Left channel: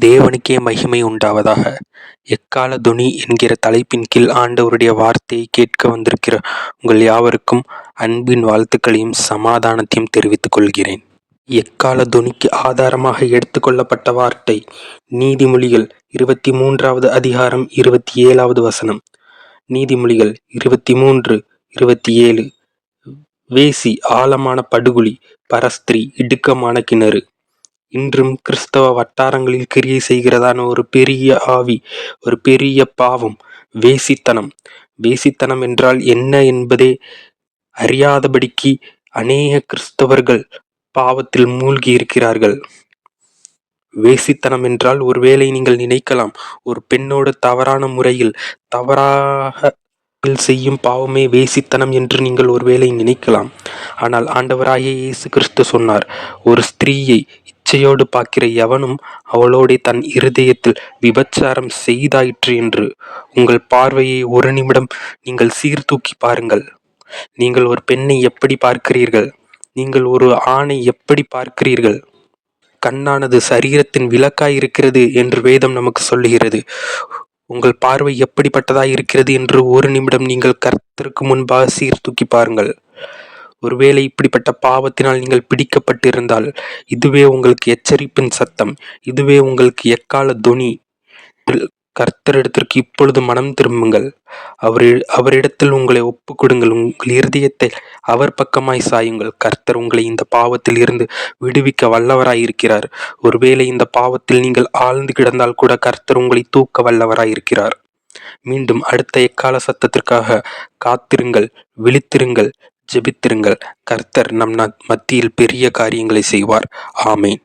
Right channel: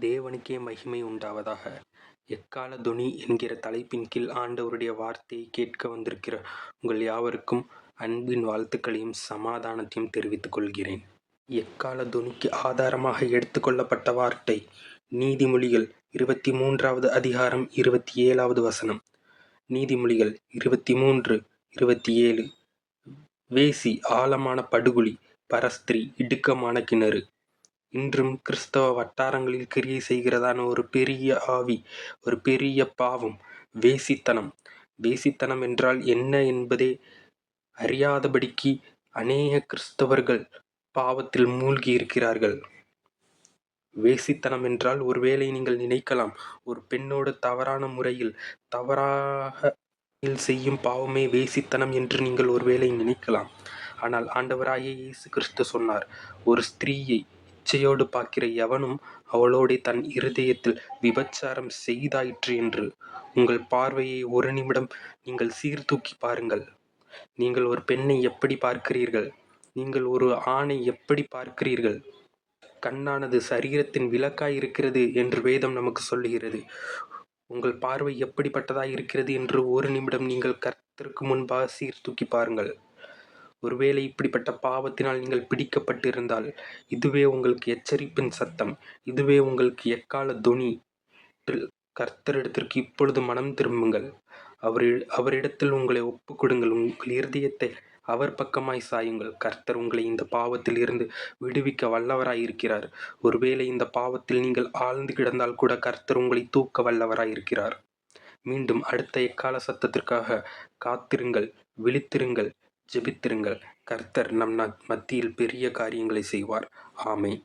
தேவனுக்கே மகிமை உண்டாவதாக. எக்கால துணி என்கிற தலைப்பின் கீழ் ஆண்டவருடைய வார்த்தையை கேட்க வந்திருக்கிற உங்கள் யாவருக்கும் அன்பின் வாழ்த்துக்களையும் சமாதானத்தையும் தெரிவித்துக் கொள்கிறேன். எக்கால துணிக்கு ஆதாரமாக எடுத்துக்கொள்ளப்பட்ட வார்த்தை நீதிமொழிகள் இருபத்தி மூன்றாவது அதிகாரம் இருபத்தி ஏழாவது வசனம். நீதிமொழிகள் இருபத்தி மூன்று இருபத்தி ஏழு வேசி ஆழமான படுகுழி பரஸ்திரி இடுக்கமான கிணறு. இன்றும் கிறிஸ்தவ வட்டாரங்களில் கிரியை செய்கிறதான ஒரு பெரிய ஆவி ஒரு பெரிய பாவம் வேசித்தனம். வேசித்தனம் என்றால் என்ன என்பதே அறியாதபடிக்கு அநேக கிறிஸ்தவர்கள் பாவத்தில் மூழ்கி இருக்கிறார்கள். வேசித்தனம் என்றால் ஒருவேளை நீங்கள் நினைக்கலாம். ஒரு பெண்ணோடு தவறான முறையில் தவறாக செய்யும் பாவமே வேசித்தனம் என்று நீங்கள் ஒருவேளை நினைக்கலாம். ஆனால் ஆண்டவராகிய இயேசு கிறிஸ்து சொன்னார் ஒரு ஸ்திரீயை இச்சையோடு பார்க்கிற எவனும் அவளோடே தன் இருதயத்தில் விபச்சாரம் செய்தாயிற்று என்று. உங்கள் பார்வையை ஒரு நிமிடம் நீங்கள் சீர்தூக்கி பாருங்கள். நீங்கள் ஒரு பெண்ணை எப்படி பார்க்கிறீர்கள்? நீங்கள் ஒரு ஆணை எப்படி பார்க்கிறீர்கள்? கண்ணானது சரீரத்தின் விளக்காய் இருக்கிறது என்று வேதம் நமக்கு சொல்லுகிறது. உங்கள் பார்வை எப்படிப்பட்டதாய் இருக்கிறது என்று ஒரு நிமிடம் நீங்கள் கர்த்தருக்கு முன்பாக சீர்தூக்கி பாருங்கள். ஒருவேளை இப்படிப்பட்ட பாவத்தினால் நீங்கள் பிடிக்கப்பட்டிருந்தால் இதுவே உங்களுக்கு எச்சரிப்பின் சத்தம் இதுவே உங்களுக்கு எக்கால துணி. கர்த்தரிடத்திற்கு இப்பொழுது மனம் திரும்புங்கள். அவர் அவரிடத்தில் உங்களை ஒப்பு கொடுங்கள் உங்கள் இருதயத்தை அவர் பக்கமாய் சாயுங்கள். கர்த்தர் உங்களை இந்த பாவத்தில் இருந்து விடுவிக்க வல்லவராய் இருக்கிறார் ஒருவேளை இந்த பாவத்தில் நீங்கள் ஆழ்ந்து கிடந்தால் கூட கர்த்தர் உங்களை தூக்க வல்லவராய் இருக்கிறார் மீண்டும் அடுத்த எக்கால சத்தத்திற்காக காத்திருங்கள் விழித்திருங்கள். ஜெபித்திருங்கள். கர்த்தர் நம் மத்தியில் பெரிய காரியங்களை செய்வார். ஆமேன்.